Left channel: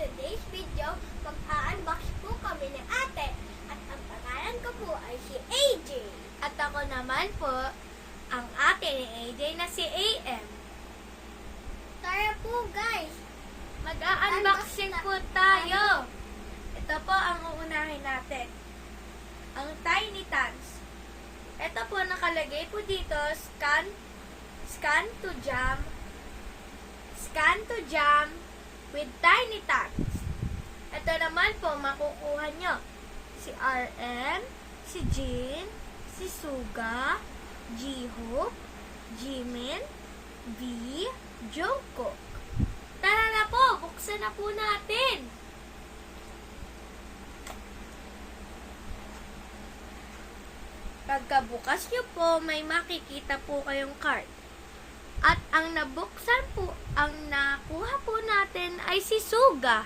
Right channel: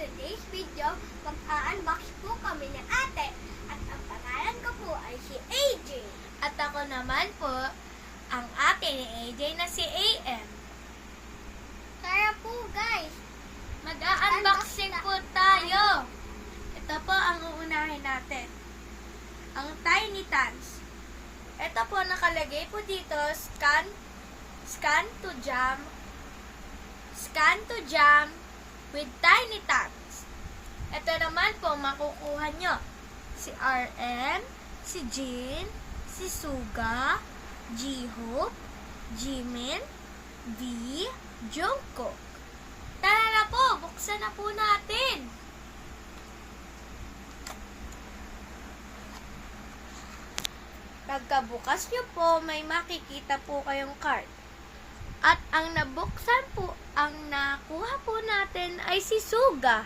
today's video, mag-unbox po kami ni ate. At ang pangalan ko po ay si AJ. At ako naman po, ang ate ni AJ na si AM. Tara po guys. Mag-unboxing po tayo. Ito po ang uunahin natin. Ang Tiny Tans. Ito po nakalagay po dito, scan to jam with Tiny Tans. Ito naman po makukuha nyo si RM, si Jean, si Suga, J-Hope, Jimin, V, Jungkook. Tara na po, buksan na po natin. Pagkabukas nyo po, may makikita po kayong card. At ang nabuksan po, ang nakuha po natin ay si Suga.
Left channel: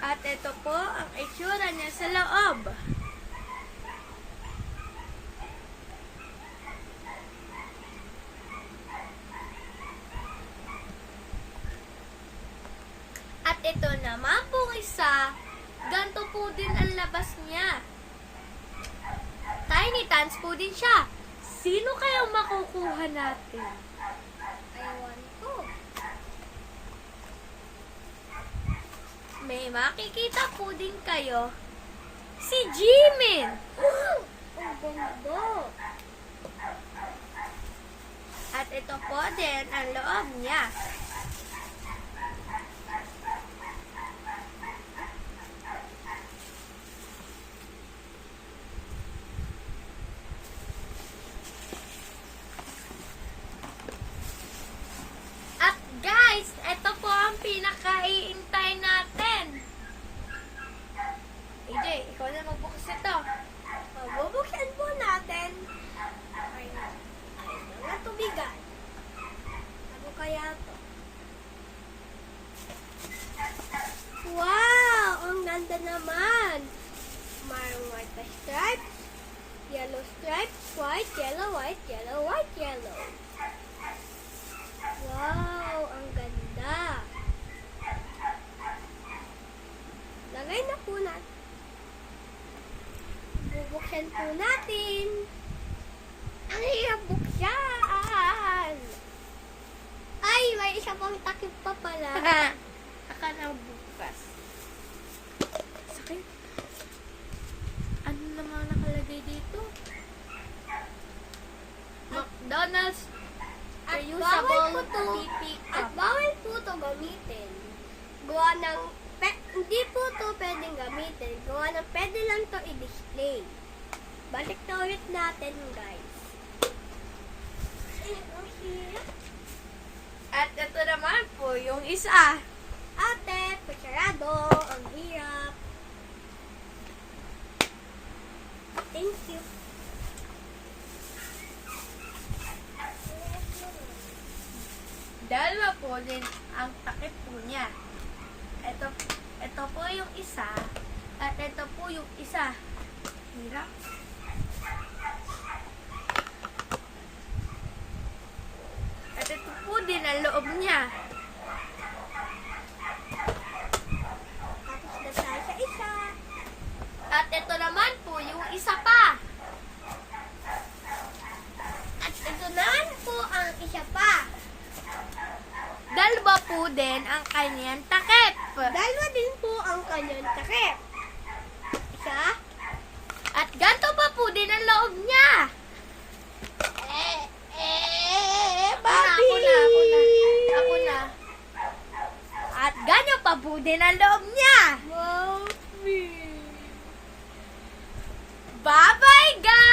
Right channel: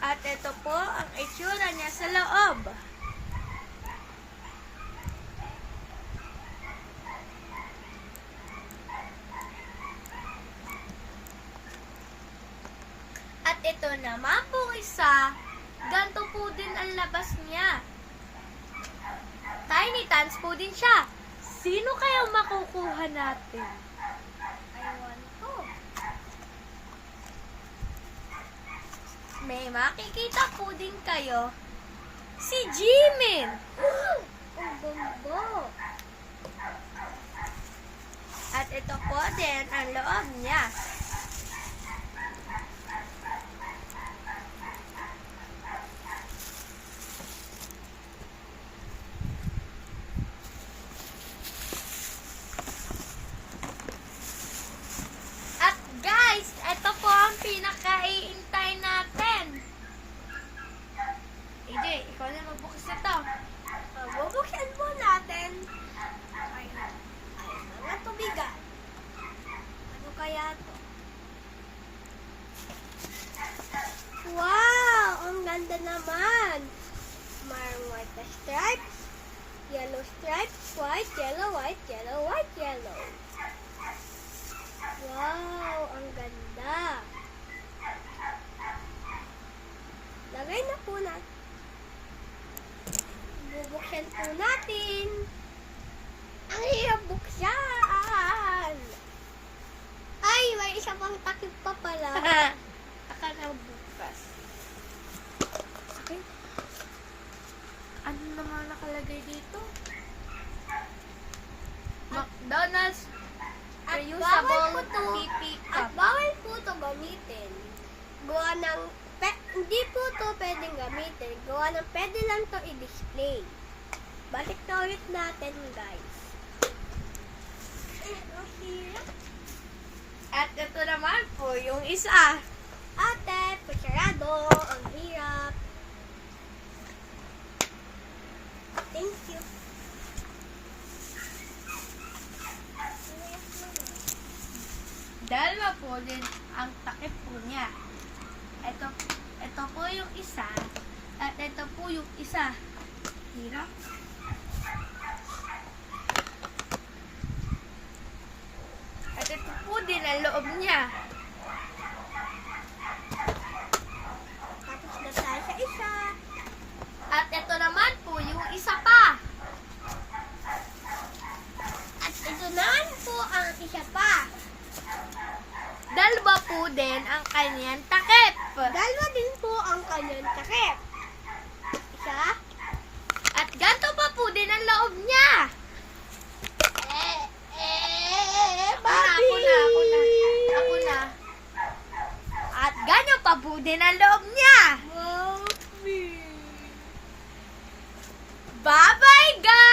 At ito po ang itsura niya sa loob. At ito naman po isa, ganito po din ang labas niya. Tiny Tans po din siya. Sino kaya makukuha natin? Ewan ko. May makikita po din kayo si Jimin. Ang ganda. At ito po din ang loob niya. At guys, ito po ang pinaka-iintay natin. AJ, ikaw na magbukas ito. Bubuksan po natin. Ay mga tubigan. Ano kaya to? Wow! Ang ganda naman! Mayroong white na stripes, yellow stripes, white, yellow, white, yellow, white, yellow. Wow! Ang ganda! Lagay na po natin. Bubuksan po natin. Ang hirap buksan! Ay, may isa pang takip pa pala. Saka na bukas. Okay. Ano naman nakalagay dito? McDonald's At reusable bawal po to, PP at cup. bawal po to gamitin. Gawa ng, hindi po to pwedeng gamitin. Gawa ng pwede lang to i-display. Balik na ulit natin, guys. Ang hirap. At ito naman po yung isa. Ate, kutsarado. Ang hirap. Thank you. Dalawa po din ang takip po niya. Ito po yung isa. At ito po yung isa. Hirap. At ito po din ang loob niya. Tapos na tayo sa isa. At ito naman po yung isa pa. At ito naman po ang isa pa. Dalawa po din ang kanyang takip. Dalawa din po ang kanyang takip. Isa. At ganito pa po din ang loob niya. Bobby! Ako na. At ganyan pa po din ang loob niya. Bobby! Bye-bye, guys!